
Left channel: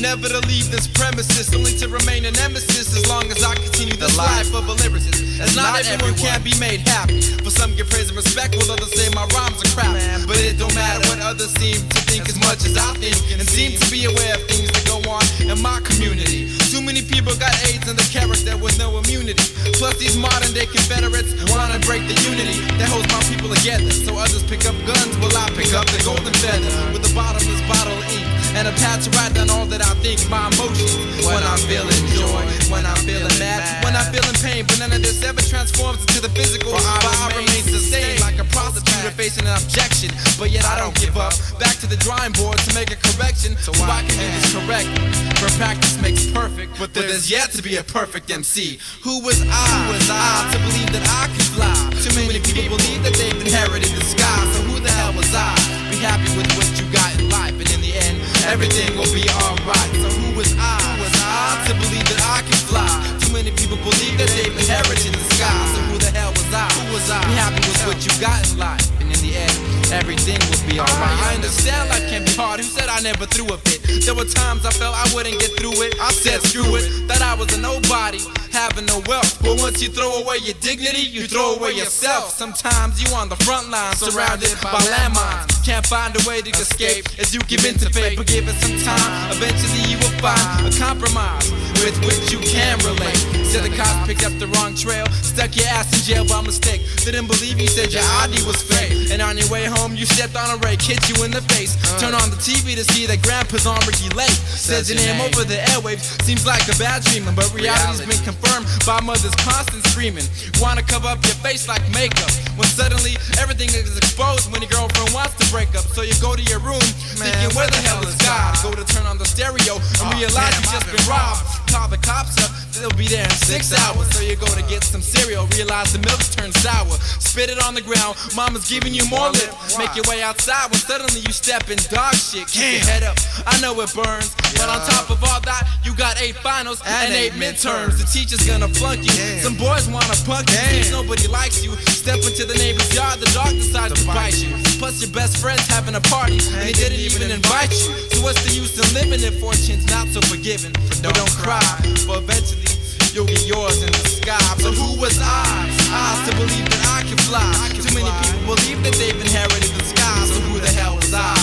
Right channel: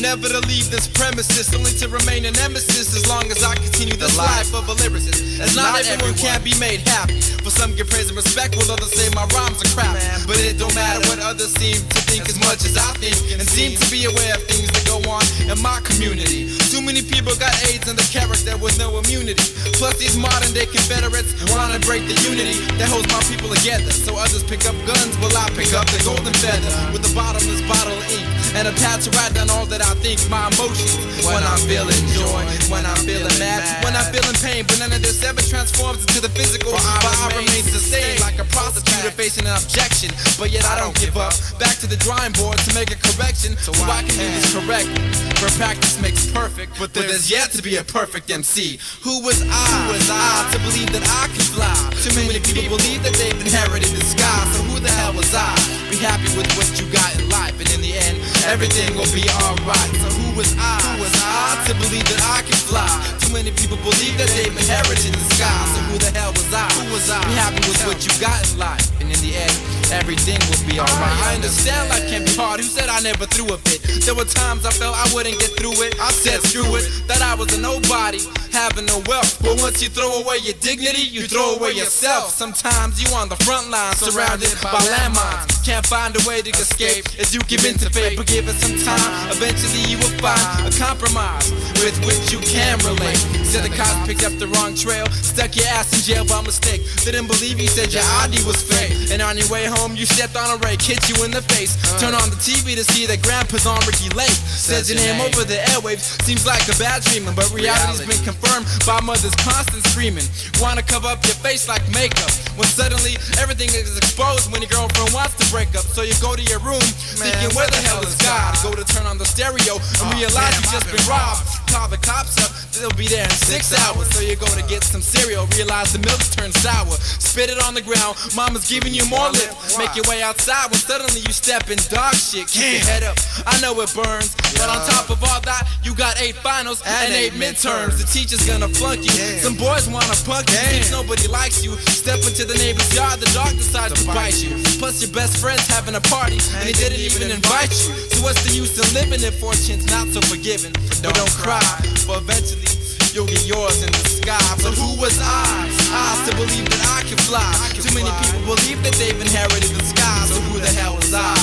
Never to leave this premises, only to remain a nemesis as long as I continue this life of a lyricist. As not everyone can be made happy. For some get praise and respect, while others say my rhymes are crap. But it don't matter what others seem to think as much as I think, and seem to be aware of things that go on in my community. Too many people got AIDS in the character with no immunity. Plus these modern day Confederates wanna break the unity that holds my people together. So others pick up guns while I pick up the golden feather with a bottomless bottle of ink and a pad to write down all that I think, my emotions. When I'm feeling joy, when I'm feeling mad, when I'm feeling pain, but none of this ever transforms into the physical. But I remain sustained like a prosecutor facing an objection. But yet I don't give up. Back to the drawing board to make a correction, so I can do this correctly. For practice makes perfect, but there's yet to be a perfect MC. Who was I to believe that I could fly? Too many people believe that they've inherited the sky. So who the hell was I? Be happy with what you got in life, and in the end, everything will be alright. So who was I to believe that I could fly? Too many people believe that they've inherited the sky. So who the hell was I was I? Be happy with what you got in life, and in the end, everything will be alright. I understand life can be hard. Who said I never threw a fit? There were times I felt I wouldn't get through it. I said screw it, that I was a nobody, having no wealth. But once you throw away your dignity, you throw away yourself. Sometimes you on the front line, surrounded by landmines. Can't find a way to escape as you give in to fate. But give it some time, eventually you will find a compromise with which you can relate. Said the cops picked up the wrong trail, stuck your ass in jail by mistake. Didn't believe you, said your ID was fake. And on your way home you stepped on a rake, hit you in the face. Turn on the TV to see that grandpa's on Ricky Lake. Says your name over the airwaves, seems like a bad dream, but reality's been confirmed by mother's constant screaming. Wanna cover up your face like makeup, when suddenly everything is exposed when your girlfriend wants to break up. So you go to your room, thinking where the hell is God? Go to turn on the stereo and realize you just been robbed. Call the cops up, they'll be there in 6 hours. So you go to get some cereal, realize the milk's turned sour. Spit it on the ground, mama's giving you more lip. Make your way outside when suddenly you step in dog shit. Keep your head up, I know it burns, but on top of all that, you got 8 finals and 8 midterms. The teacher's gonna flunk you, some boys wanna punk you. Seems nobody likes you, step into the neighbor's yard, the dog decides to bite you. Plus your best friend's having a party, and he didn't even invite you. So what's the use in living if fortune's not so forgiving? But don't cry, for eventually you'll get yours in the sky. But who was I? I to believe that I can fly. Too many people believe that they've inherited the sky. So who the hell was I?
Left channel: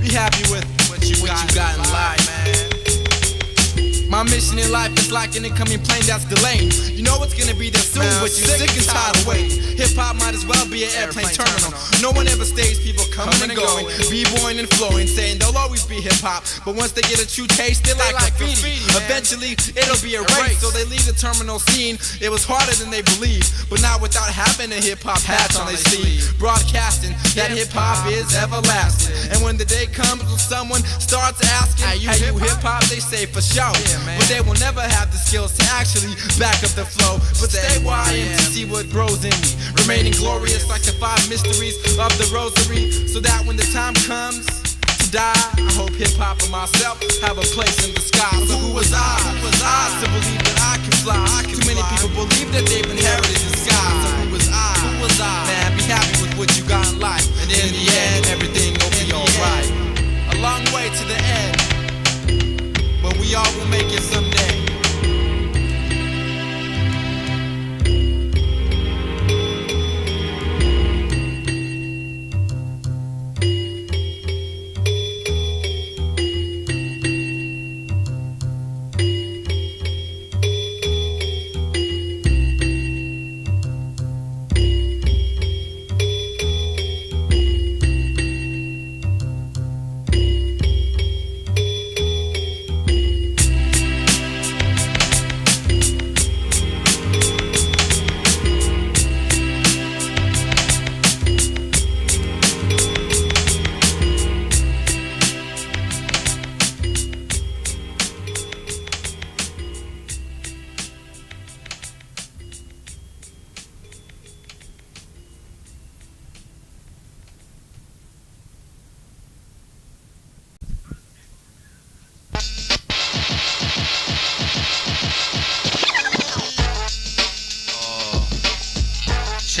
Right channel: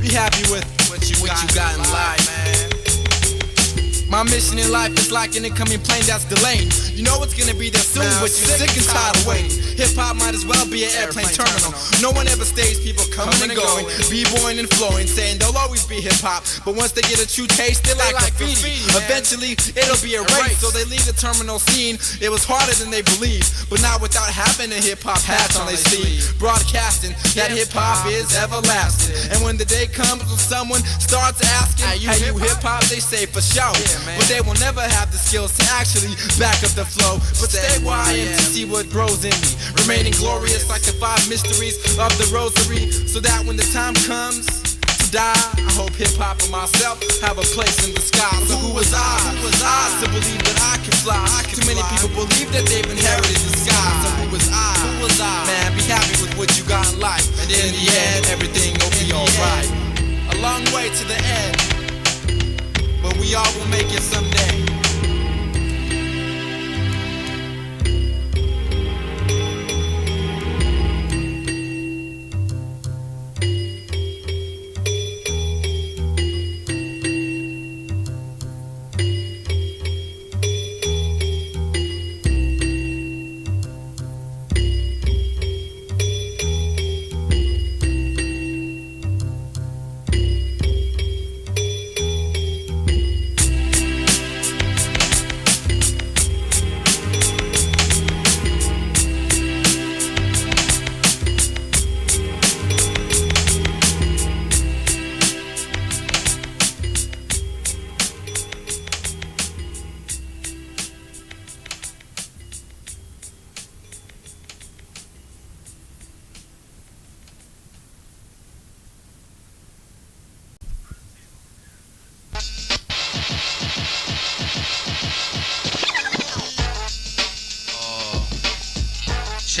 Be happy with what you got in life, man. My mission in life is like an incoming plane that's delaying. You know it's gonna be there soon, but you're sick and tired of waiting. Hip-hop might as well be an airplane terminal. No one ever stays, people coming and going, b-boying and flowing, saying they'll always be hip-hop. But once they get a true taste, they like graffiti. Eventually, it'll be a race, so they leave the terminal scene. It was harder than they believed, but not without having a hip-hop patch on their sleeve. Broadcasting that hip-hop is everlasting. And when the day comes when someone starts asking, are you hip-hop? They say for sure. But they will never have the skills to actually back up the flow. But stay where I am to see what grows in me, remaining glorious like the 5 mysteries of the rosary. So that when the time comes to die, I hope hip-hop and myself have a place in the sky. So who was I? Who was I to believe that I can fly? Too many people believe that they've inherited the sky. So who was I? Who was I? Man, be happy with what you got in life, and in the end, everything will be alright. A long way to the end, but we all will make it someday.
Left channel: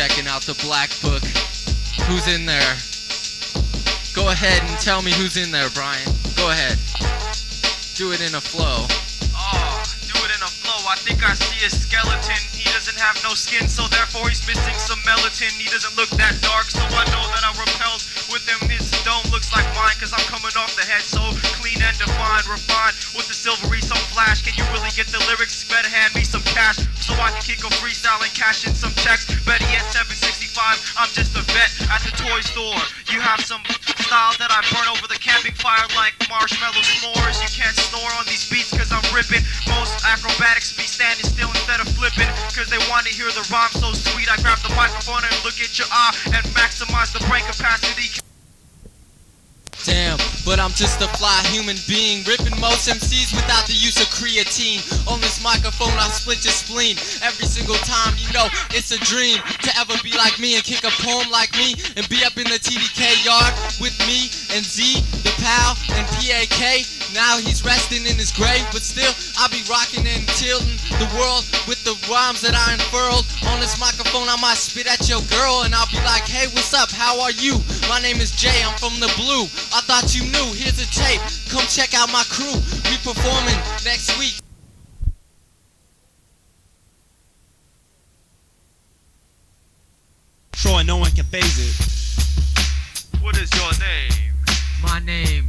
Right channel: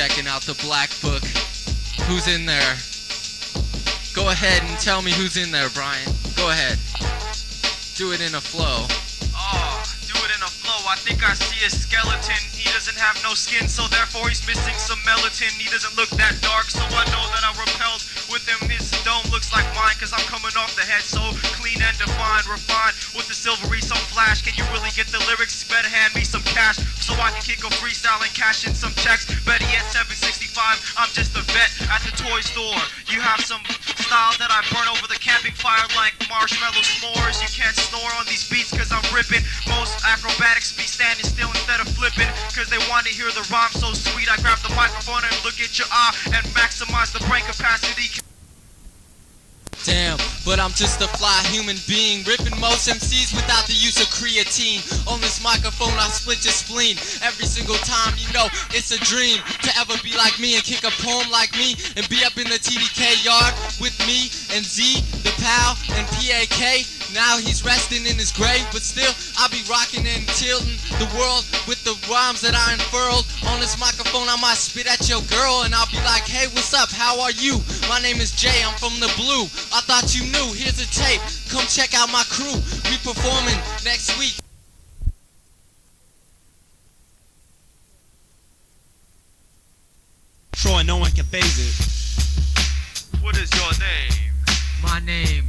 Checking out the black book. Who's in there? Go ahead and tell me who's in there, Brian. Go ahead. Do it in a flow. Oh, do it in a flow. I think I see a skeleton. He doesn't have no skin, so therefore he's missing some melatonin. He doesn't look that dark, so I know that I'm repelled with him. His dome looks like mine, cause I'm coming off the head so clean and defined, refined with the silvery some flash. Can you really get the lyrics? Better hand me some cash so I can kick a freestyle and cash in some checks. Better yet, 765, I'm just a vet at the toy store. You have some style that I burn over the camping fire like marshmallow s'mores. You can't snore on these beats cause I'm ripping. Most acrobatics be standing still instead of flipping, cause they want to hear the rhyme so sweet. I grab the microphone and look at your eye and maximize the brain capacity. Damn, but I'm just a fly human being, ripping most MCs without the use of creatine. On this microphone I split your spleen every single time. You know it's a dream to ever be like me and kick a poem like me and be up in the TDK yard with me and Z, the pal, and PAK. Now he's resting in his grave, but still I'll be rocking and tilting the world with the rhymes that I unfurled. On this microphone I might spit at your girl and I'll be like, hey, what's up, how are you? My name is Jay, I'm from the Blue. I thought you knew, here's a tape, come check out my crew. We performing next week. So no one can phase it. What is your name? My name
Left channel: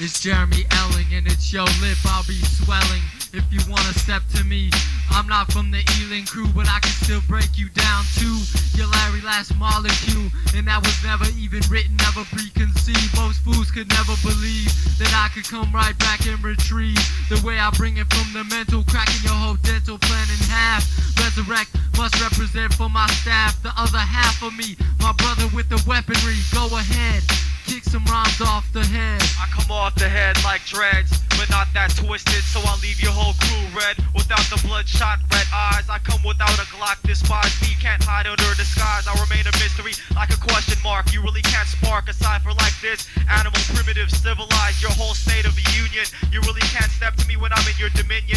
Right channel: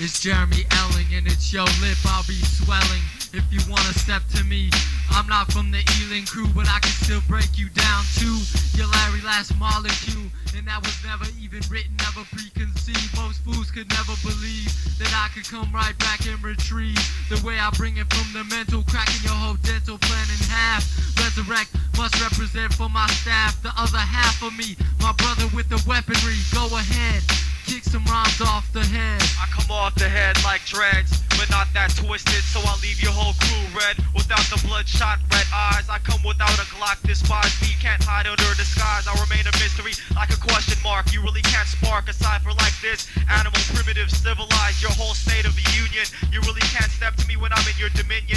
is Jeremy Elling, and it's your lip I'll be swelling. If you wanna step to me, I'm not from the Ealing crew, but I can still break you down to your Larry last molecule. And that was never even written, never preconceived. Most fools could never believe that I could come right back and retrieve the way I bring it from the mental, cracking your whole dental plan in half. Resurrect must represent for my staff, the other half of me, my brother with the weaponry. Go ahead, kick some rhymes off the head. I come off the head like dreads, but not that twisted, so I leave your whole crew red. Without the bloodshot red eyes, I come without a Glock. Despise me, can't hide under a disguise. I remain a mystery like a question mark. You really can't spark a cipher like this. Animal, primitive, civilized, your whole state of the union. You really can't step to me when I'm in your dominion.